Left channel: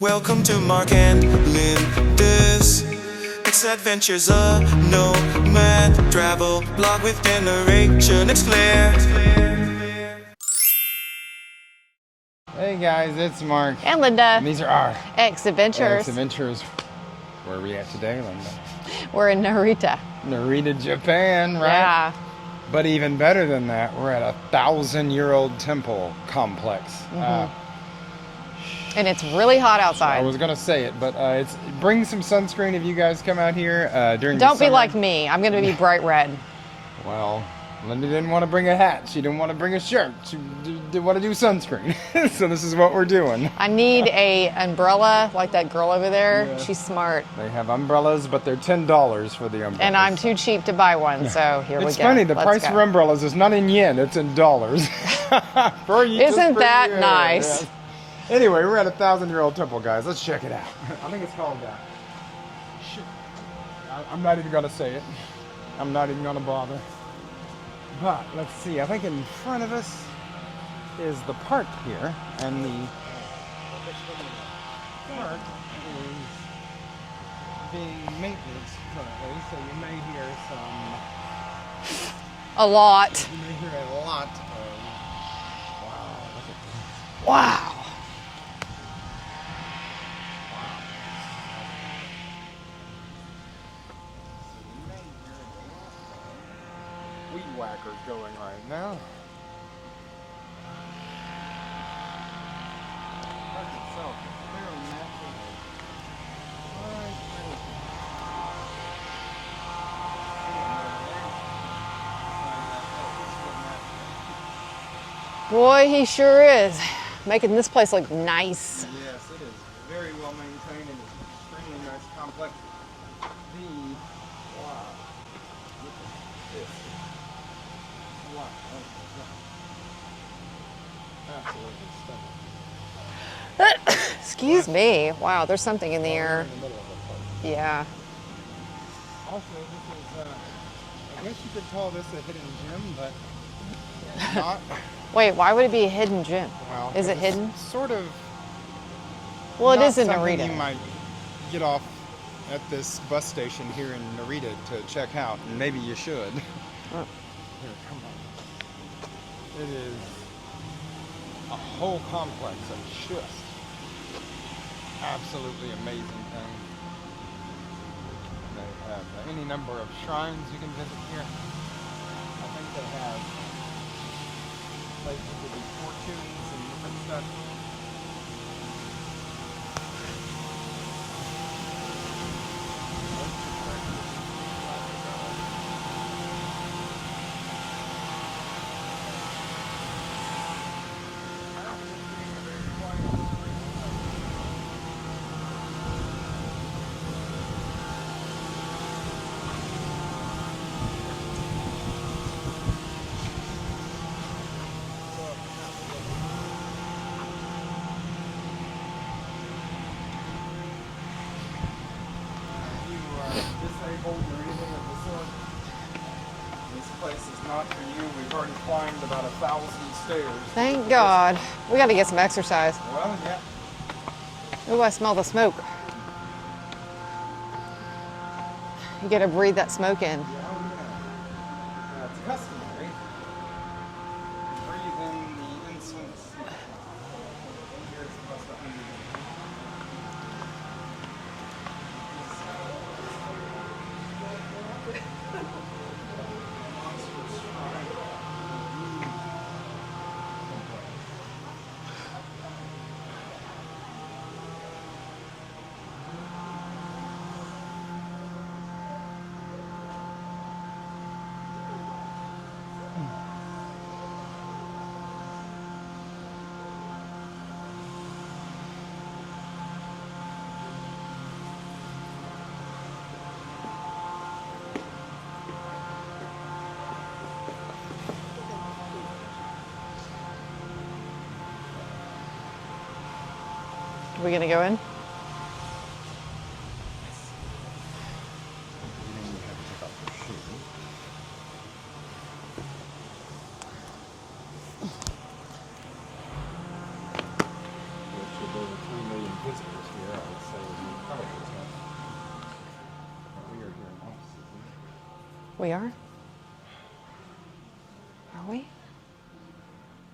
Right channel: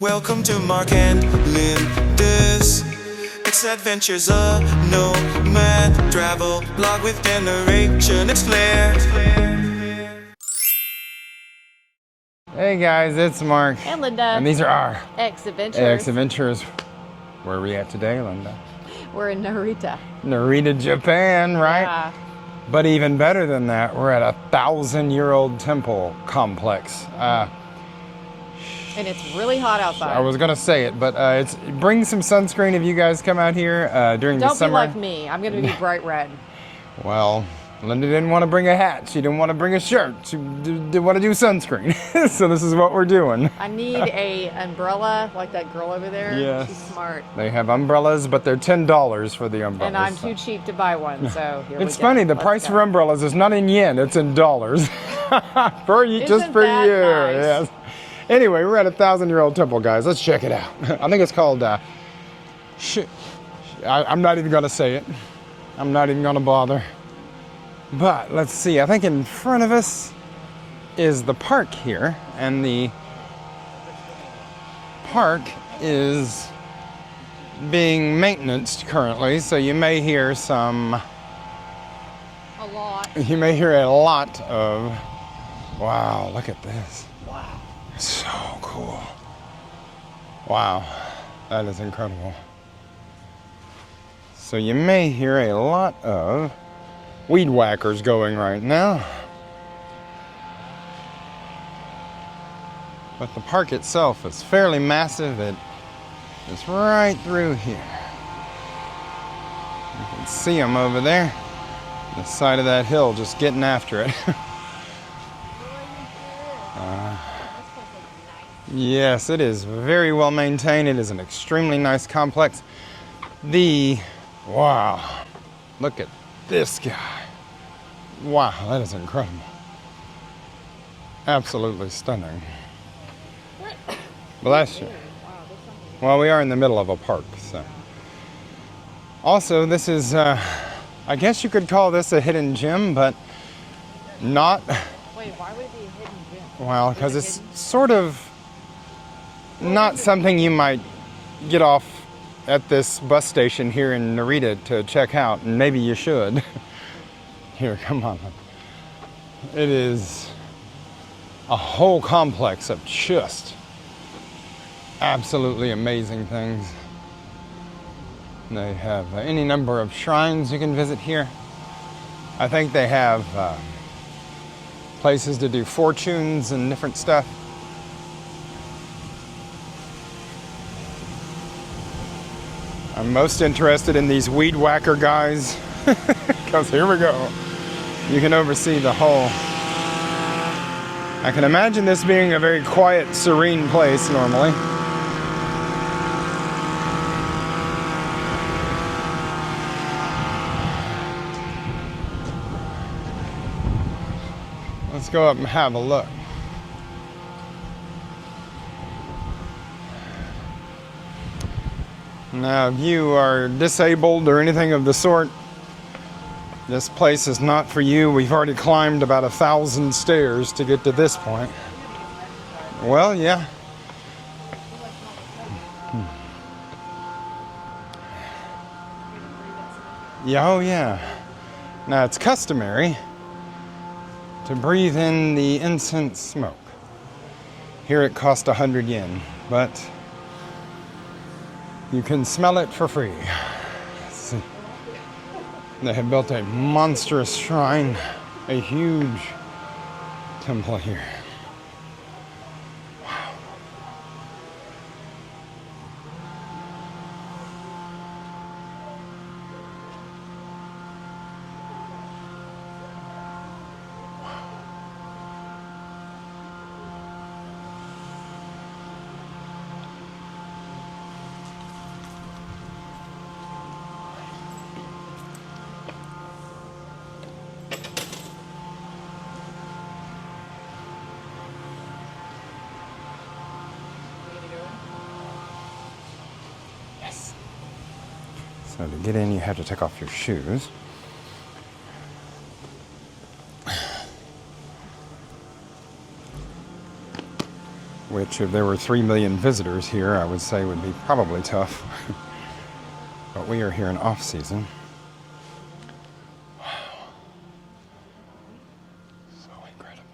Welcome to Mark and Linda's X-Adventures, a nomad travel blog with narration. It's Claire. Hey guys, it's Mark. And Linda. And these are our X-Adventures. X-Adventures. Where are we at today, Linda? We're in Narita. Narita, Japan, right? Yeah. But even better than that, we're at a 1,000-year-old temple complex. And it's really hot outside. I was gonna say it, but bring some sunscreen if you guys come out here during the summer. Don't be like me. I'm gonna be bright red. Well, Linda didn't want to bring a hat. She didn't want to bring a shirt. She did want to do sunscreen. So this is what we're doing. I need a umbrella like that girl over there. Yeah. She's smart. They have umbrellas, but they're $10 for the umbrellas. And I'm too cheap to buy one, so here we go. It's funny, the Let's price go. for umbrellas is not in yen, it's in dollars. For you, just Isn't for that you. nice? Yes. Anyway, we're at a 1,000-year-old temple, guys. Let's check it out. I think it's called, I'm not even gonna say it. I'm not even gonna bother. But let's see, I think in front of us is the park here, and the park is being maintained currently, so you may hear A lot. you may hear a lot of, wow, look at this. Wow. So cool. Wow, that is incredible. So you may hear a lot of weed whackers going right now. But the park itself is fairly massive. It's right through here. You can see them over there, on the side of that hill, just getting after it. Boy, he sure is. Making this place look nice. Yes, it is very well maintained. It is an extremely nice complex. Wow, look at this guy. Wow, that is incredible. Absolutely stunning. Excuse me. Wow, there's something in there. Well, we are in the middle of a park. So. Yeah. Also, this is, I guess you could call this a hidden gem, but not. Wait, why would it be a hidden gem? Well, Is because it it's hidden? sort of Well, it not is in something Narita. you might get off at this bus station here in Narita to check out, and maybe you should. Here, come on. It is a whole complex of just absolutely amazing things. They have any number of shrines you can visit here. I think they have places to do fortunes and different stuff. I'm most interested in these weed whacker guys, because here we go. You can oversee the whole. I can imagine this being a very quiet, serene place normally. Let's go up and have a look. Now, if you are disabled or anything of the sort, this place is not for you. We've already climbed about 1,000 stairs to get to this point. We got to get some exercise. Well, yeah. Ooh, I smell the smoke. You got to breathe that smoke in. Yeah, oh yeah. Now, it's customary to breathe in the incense smoke. Here it costs 100 yen, but you can smell it for free. See. They have built a monstrous shrine, a huge temple here. Are we going to go in? Yes. So to get in, you have to take off your shoes. which if there were 3 million visitors here, I would say would be probably tough. But we are here in off-season. We are? Are we? So incredible.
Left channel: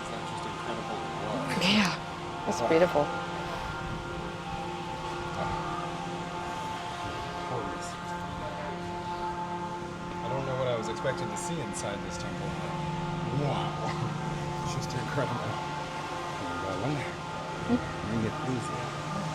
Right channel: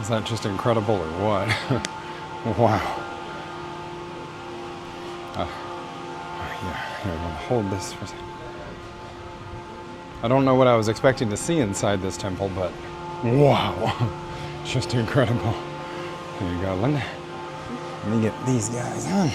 Is that just incredible or what? Yeah. It's Wow. beautiful. Here, we'll hold this for a second. I don't know what I was expecting to see inside this temple, but wow. It's just incredible. There you go, Linda. Let me get these guys on.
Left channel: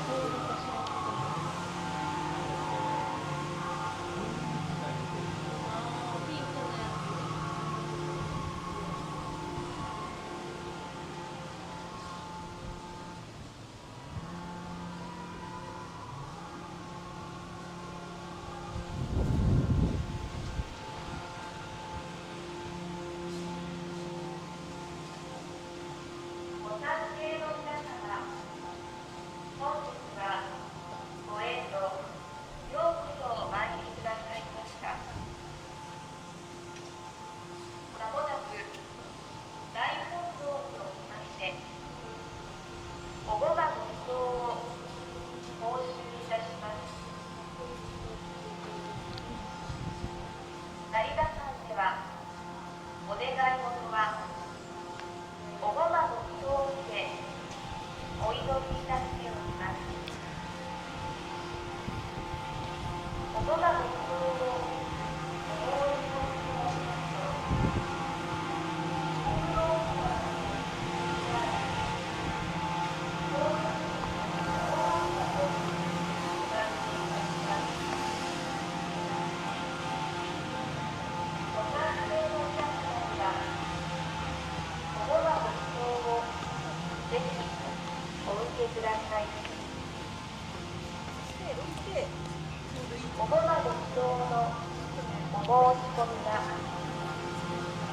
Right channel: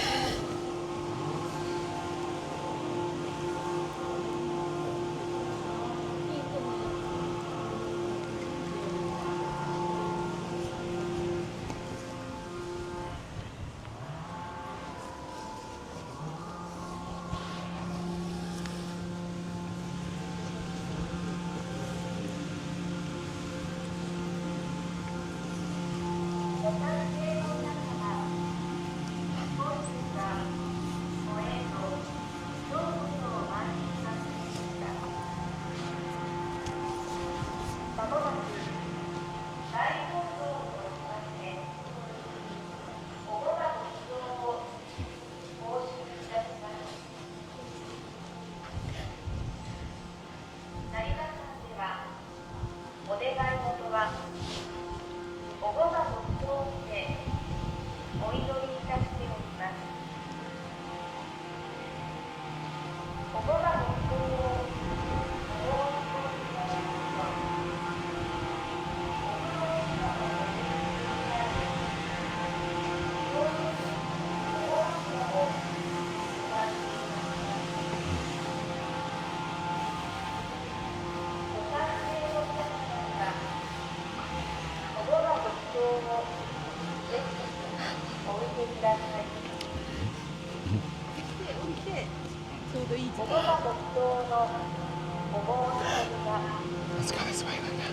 Let's go this way, Linda.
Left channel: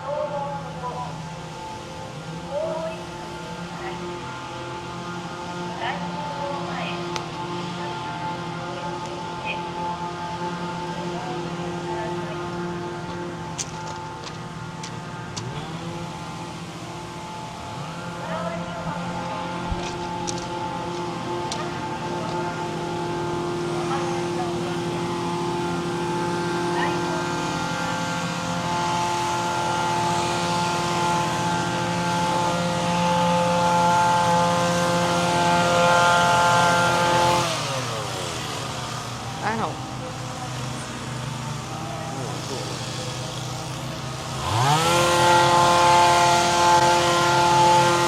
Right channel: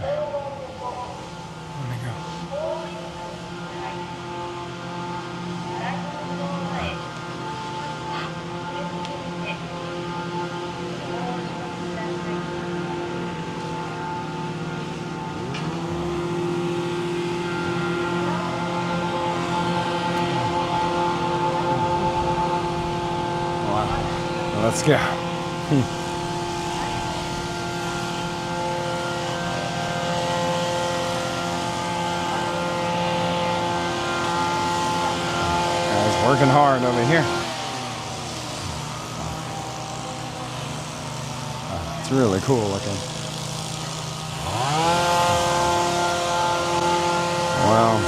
There we go. let's go. Working hard over here. Wow. It's really cool looking. Wow.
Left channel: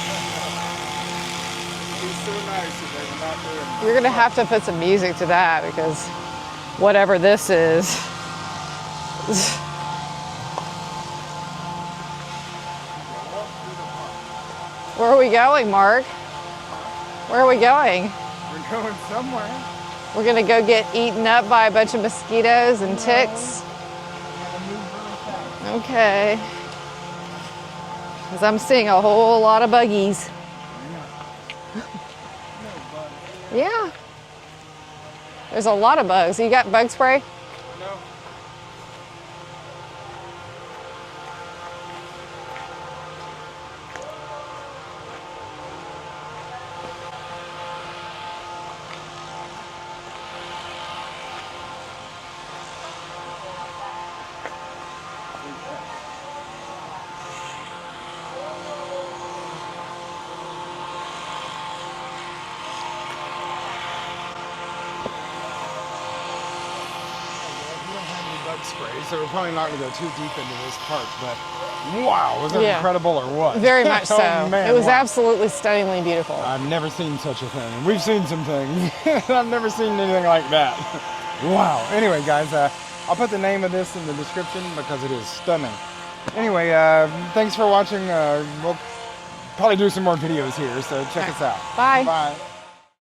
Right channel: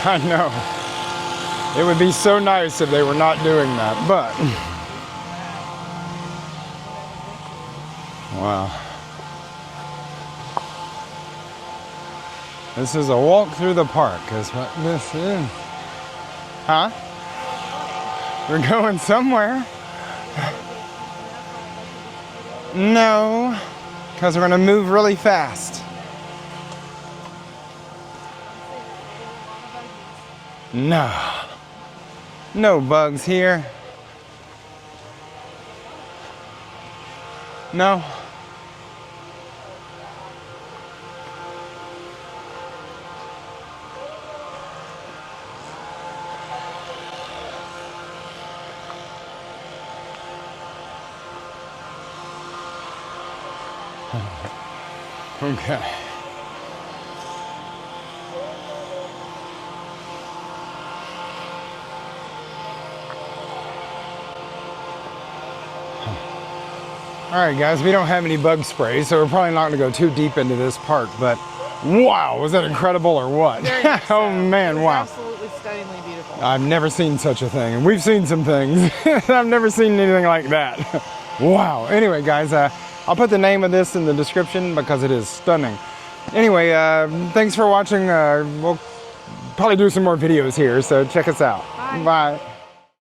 I know. It would be so nice if they were not doing that. We're gonna have to put some music to that because whatever this is. Wow. This is a walk through the park, is what this Where are we is. going, Mark? Huh? Where are we going? We're going somewhere. We're gonna go get eaten up by a bunch of mosquitoes and No, ticks? because we're gonna move really fast. Okay. Because I'm seeing a whole lot of buggies. No. No bugs here. Yeah. There's a lot of bugs. You got bug spray? No. Okay. All right, guys, we don't have any bug spray, so we're probably not going to go too deep into this park, but wow, was that Yeah. incredible or what? Very much so. Oh, man, it was wow. absolutely stunningly beautiful. I've never seen such a thing, and we've seen some things. I've never seen anything like that. Wow. Anyway, guys, I'll put the name of this in the description because it is stunning. Anyway, thanks for watching. We'll probably do some more videos here, so check us out. Bye. Bye.